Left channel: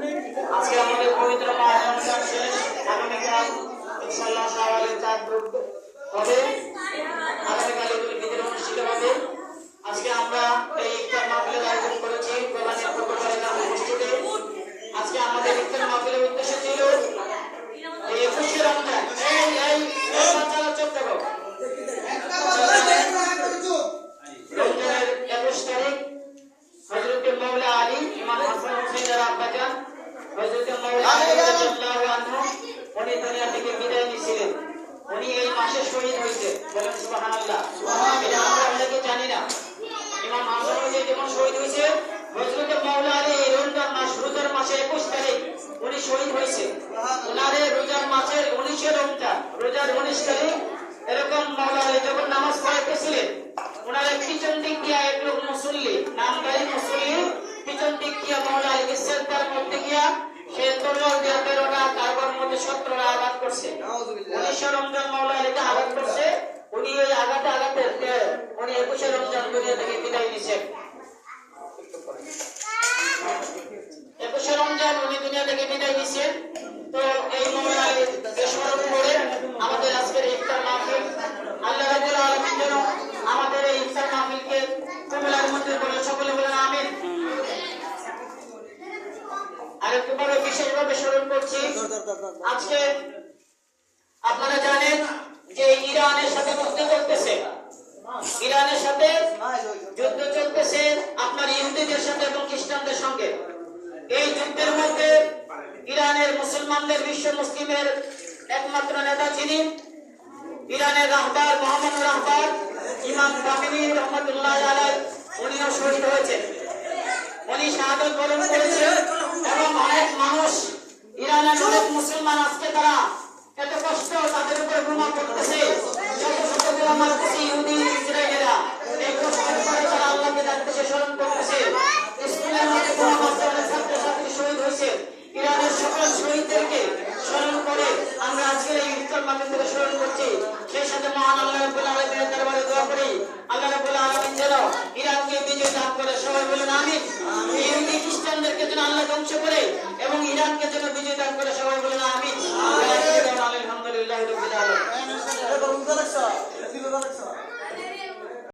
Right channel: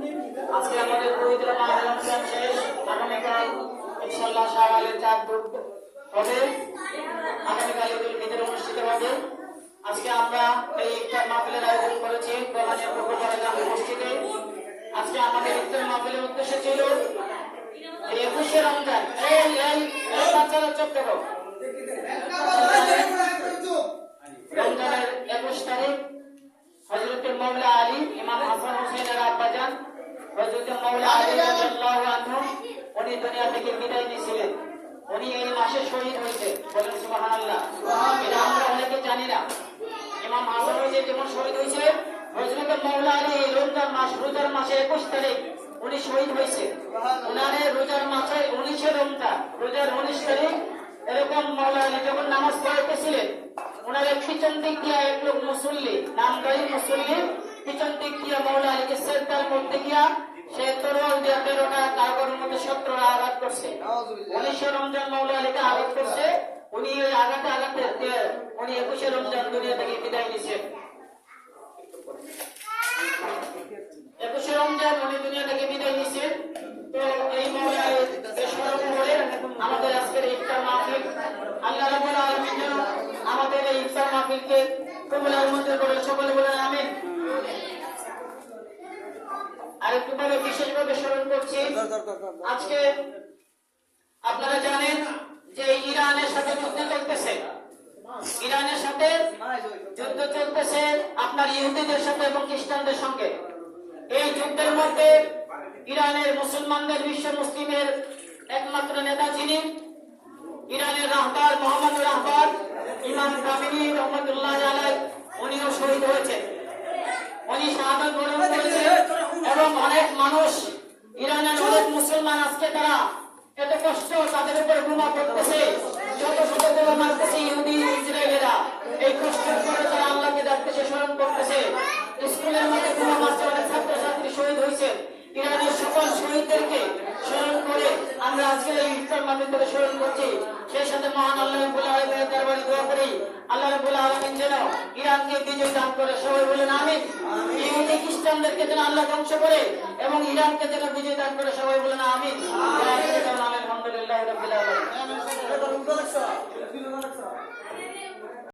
আজকে আমাদের পবিত্র মাহ রমজান শেষ, আগামীকাল ইনশাআল্লাহ শাওয়ালের চাঁদ হবে, আগামীকাল ঈদুল ফিতর অনুষ্ঠিত হবে। আজকে আমরা এই ইফতার মাহফিলের আয়োজন করেছি কোরআনের পূর্ববাড়ি নামে মসজিদে। আজকে আমাদের ইফতার মাহফিলের উদ্দেশ্য ছিল এই 21শে রমজান, এই বাচ্চারা চুপ থাকো, রমজানের 21 তারিখ হযরত মাওলা আলী ইমাম হাসান হোসেনের আব্বাজান হযরত মাওলা আলী রাদিয়াল্লাহু আনহু উনি দুনিয়া থেকে বিদায় নিয়েছিলেন। উনি এই মাসে শহীদ হয়েছে, বলেন সুবহানাল্লাহ। আমরা অনেকে জানি না ইমাম হাসান হোসেন যখন শহীদ হয়েছে, হযরত মাওলা আলী রমজান মাস রোজার মাসে 21 তারিখ উনি শহীদ হয়েছে। উনারে রোজার মাসের 19 রমজান রোজার 19 তারিখ এরকম মাওলা আলী যখন নামাজ পড়াইতেছিলেন, উনারে পিছন দিক দিয়ে এক লোক মুসল্লি, নামদারি মুসল্লি, পিছন দিক দিয়ে মাওলা আলীকে সেজদার মধ্যে গিয়া সে তরোয়াল দিয়ে 13টা কারবার মধ্যে 17টা আঘাত করছে। 19 রমজান মাওলা আলীকে আঘাত করছে। উনি ওই আঘাতে উনি 21 রমজান দুনিয়া থেকে বিদায় নিয়েছেন। 21 রমজান উনি দুনিয়া থেকে বিদায় নিয়েছেন। তো এই মাওলা আলীকে স্মরণ করে আমাদের আজকের ইফতার মাহফিল, আল্লাহ রাব্বুল আলামিন যেন আমাদের এই ইফতার মাহফিলকে কবুলের মধ্যে করে সকলে বলেন আমিন। আরেকটু বড় বিশেষভাবে স্মরণ করছি, আজকে আপনারা জানেন যে ইরানের সাথে যুদ্ধ চলতেছে, ইরানের সাথে যুদ্ধ চলতেছে আপনার ইহুদিদের সাথে এবং খ্রিস্টানদের সঙ্গে। এই যুদ্ধের মধ্যে ইরানের মুসলমানদের বিশ্ব মুসলিমের একমাত্র নেতা যিনি ইরানের রাহবার মোহাম্মদ রাহবার ইমাম বাকিরি রহমাতুল্লাহ আলাইহি, উনিও শহীদ হয়েছেন। উনি শাহাদাত বরণ করেছেন এবং অনেক মানুষ ইরানের অনেক মুসলমান আজকে তারা এত কষ্ট তাদের উপর বোমা পড়তেছে, শত শত বোমা মারতেছে ইহুদি ইসরায়েলিরা। এই কষ্টের পরে তারা আল্লাহকে ডাকতেছে, স্মরণ করতেছে। স্কুলের মধ্যে বোমা মারতে অনেক ছাত্রছাত্রী শহীদ হয়েছে। ইরানের সকল শহীদদেরকে স্মরণ করে আমরা আজকে এই ইফতার মাহফিল থেকে স্মরণ করছি। সেই সাথে মহান আল্লাহ রাব্বুল আলামিনের দরবারে দোয়া করি আল্লাহ রাব্বুল আলামিন যেন ইরানকে বিজয় দান করে, সবাই বলুন আমিন। ইহুদি খ্রিস্টানদেরকে যেন আল্লাহ ধ্বংস করে এবং ইরানকে যেন বিজয় দান করে, সবাই বলুন আমিন। আলহামদুলিল্লাহ রাব্বিল আলামিন।